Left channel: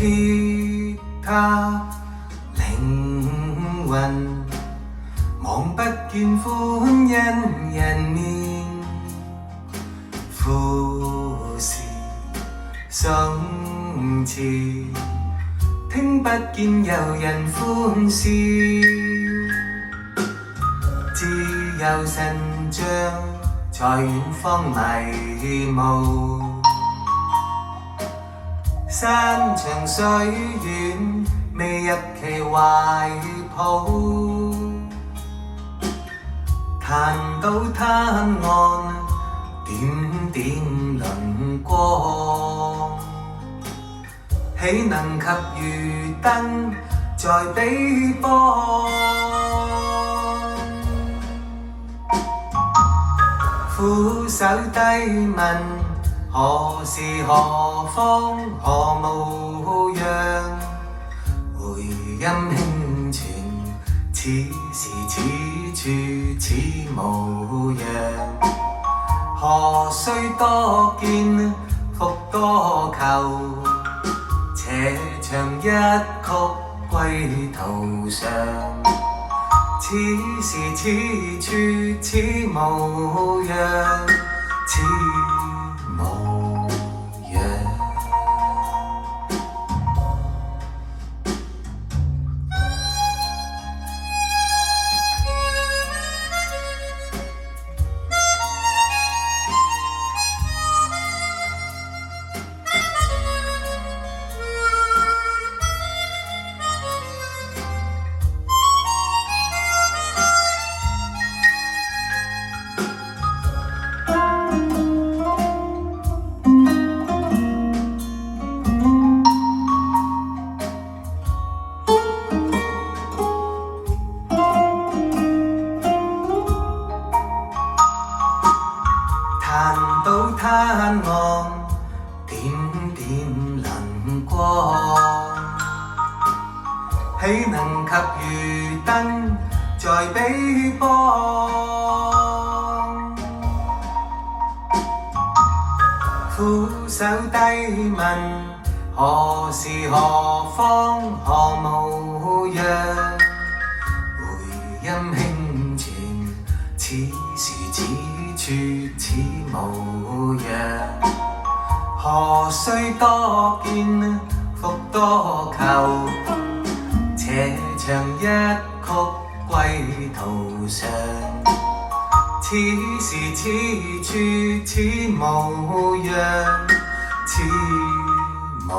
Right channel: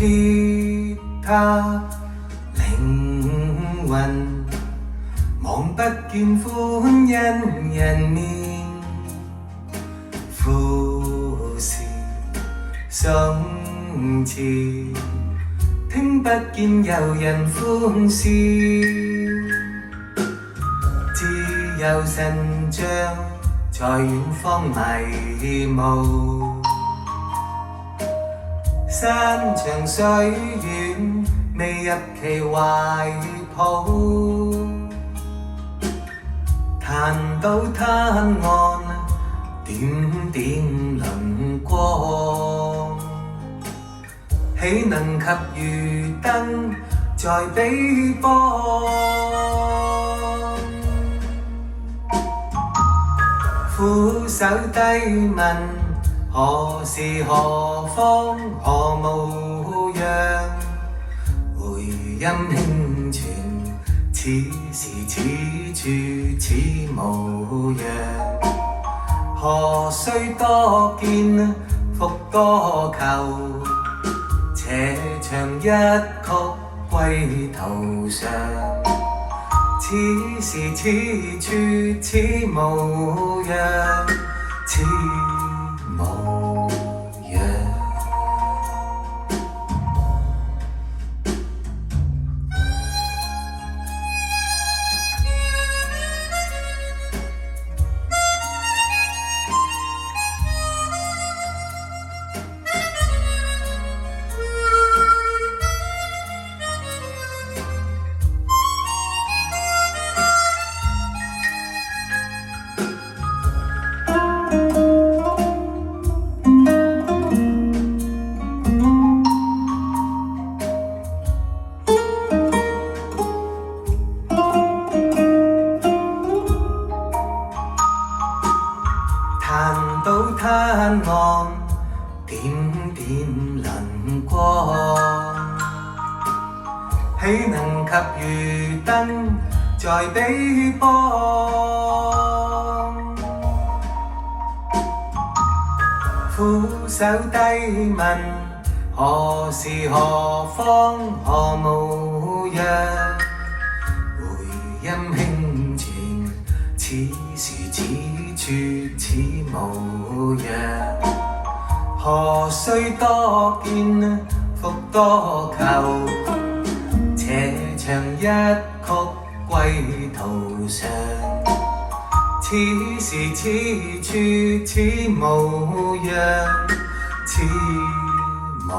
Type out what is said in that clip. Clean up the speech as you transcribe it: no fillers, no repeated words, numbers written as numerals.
鐵塔靈魂，望不見歡欣人面，富士鬆弛，聽不見遊人歡笑，自由神像在遠方迷霧，山長水遠未入其懷抱，彈到灘岸點點輪光，豈能及漁燈在彼邦？俯首低問何時何方何模樣，回音輕傳此時此處此模樣，何須多見復多求，且唱一曲歸途上，此時此處此模樣，此模樣。彈到灘岸點點輪光，豈能及漁燈在彼邦？俯首低問何時何方何模樣，回音輕傳此時此處此模樣，何須多見復多求，且唱一曲歸途上，此時此處此模樣，此模